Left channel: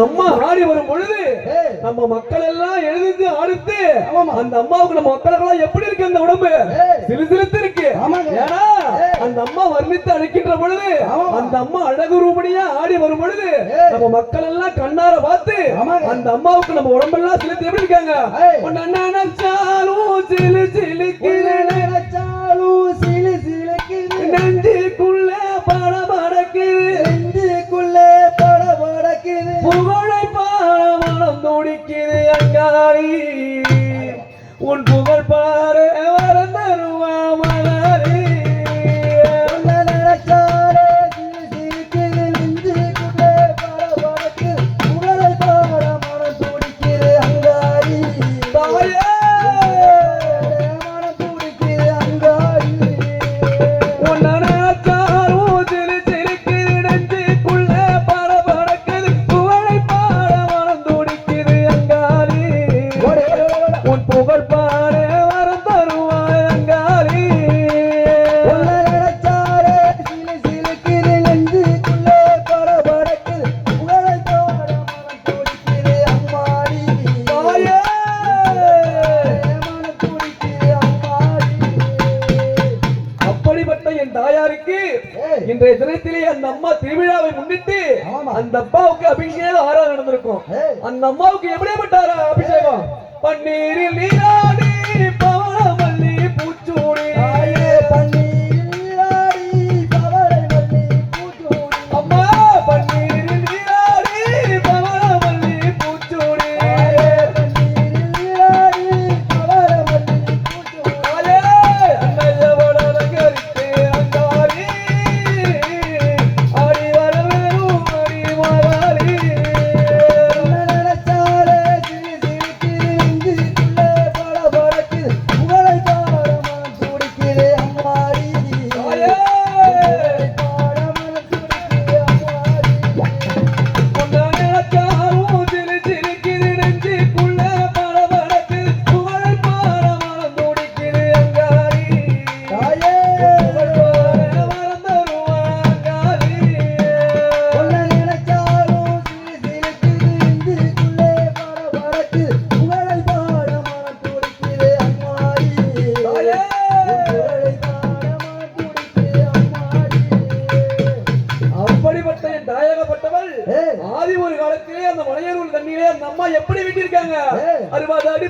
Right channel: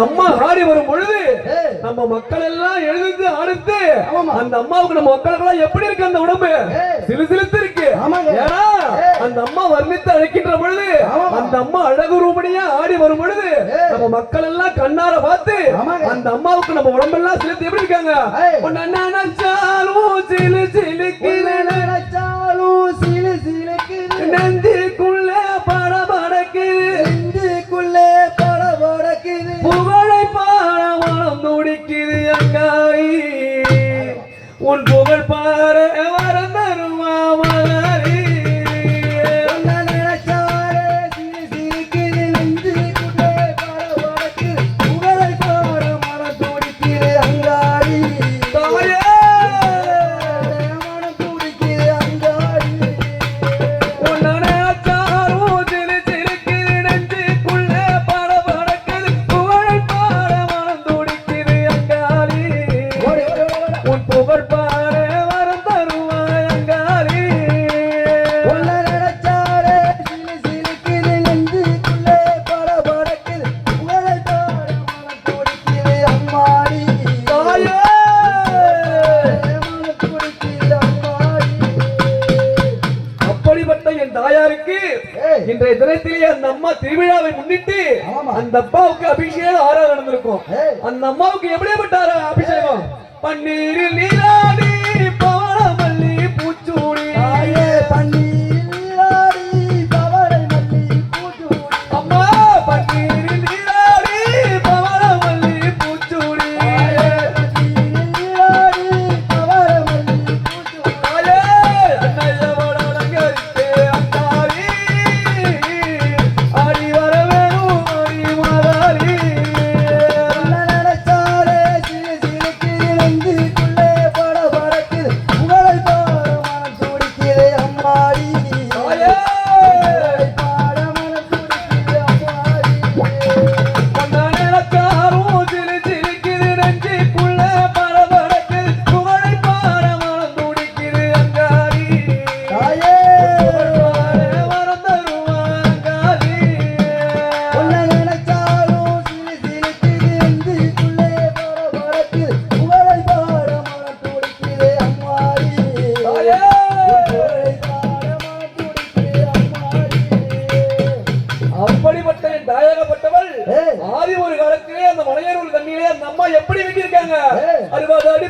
அம்மா ஆடி வரும் பொழுது நம்ம மக்கள் எல்லாம் எழுந்து ஆடுத்து அந்த அம்மாவுக்கு நம்ம மக்களுக்கு எப்படி இருக்கு அந்த உடம்பு சிலுசிலுத்து இருக்கு. ஏன்னா அந்த அம்மா வர்ணித்து அழைக்கின்ற பொழுது அந்த அம்மா அழகு ரூபடியா ஆடி வரும் பொழுது நம்ம மக்கள் எல்லாம் கண்ணார பார்த்து அந்த அம்மாவுக்கு நம்ம உடம்பெல்லாம் சிலுத்து எப்படி இருக்காங்க. நினைச்சாலும் சிலு சிலுக்கு நினைச்சாலும் சிலு சிலுக்கு நெஞ்சுக்குள்ள படபடக்கு நெஞ்சுக்குள்ள படபடக்கு புகழை பாட மனம் துடிக்குது அங்காரி உன் புகழ் பாரு வரம் தருவா மகாரி நினைச்சாரே சிலு சிலுக்கு நெஞ்சுக்குள்ள படபடக்கு புகழை பாட மனம் துடிக்குது அங்காரி இன்றைய தினத்திலே அந்த அம்மா திருவிழாவை முன்னிட்டு அந்த அப்பாவுக்கு அபிஷேகம் ஆரா நடந்திருக்கும். அந்த அம்மாவுக்கு எப்படிப்பட்ட அபிஷேகம்? பன்னீரில் நீராடி பவளமல்லி பூச்சூடி அம்மா பன்னீரில் நீராடி பவளமல்லி பூச்சூடி ஆதி ஒரு காலத்திலே அந்த மலையனூர் தண்ணியிலே அந்த அம்மா எப்படி விட்டிருக்காங்க 60 அடி